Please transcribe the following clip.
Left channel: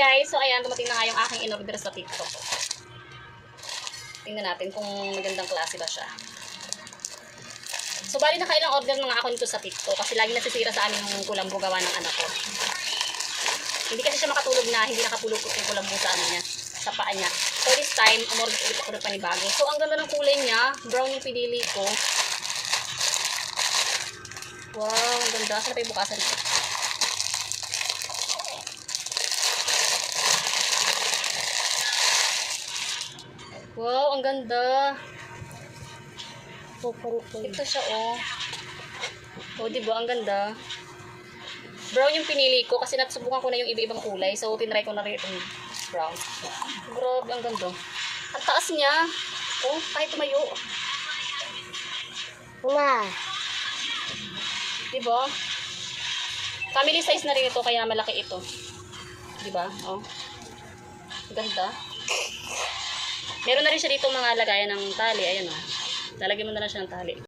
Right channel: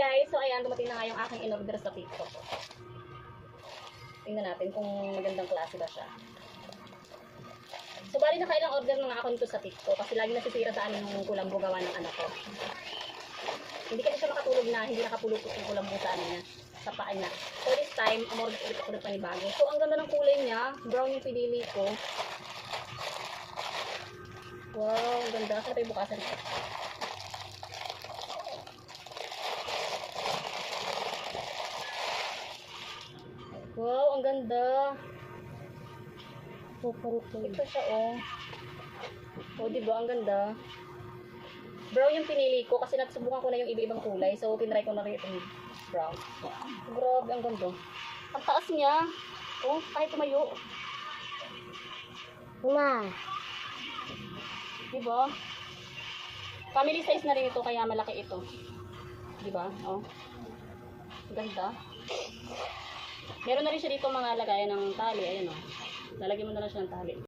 guys, so ayan, dumating na nga yung aking in-order sa TikTok. Tingnan natin kung magandang klase ba siya. So bali nakailang order na nga ako nito sa TikTok kasi lagi nasisira sa amin yung kulambo gawa ng anak ko. Hindi kasi siya makatulog na, hindi nakatulog yung kulambo sa ano niya, sa paa niya. So this time, umorder ulit ako ng panibago. So ang ganda ng kulay niya, brown yung pinili ko. Wow, ang ganda. Saan pa yung bukasan ito? Wow, ang ganda. Ito siya, oh. Oh, diba? Ang ganda. Brown yung pinili ko kasi nasubukan ko na yung iba-ibang kulay. So, tinry ko na rin itong brown. Grabe, ang ganda. Ang taas niya. Oh, kahit tumayo. Ma. Diba? Family size na rin ito, kaya malaki ito. Diba? Oh. Ganda. Meron na rin siya dito mga lagayan ng tali. Ayan, oh. Lalagyan mo na lang siya ng tali.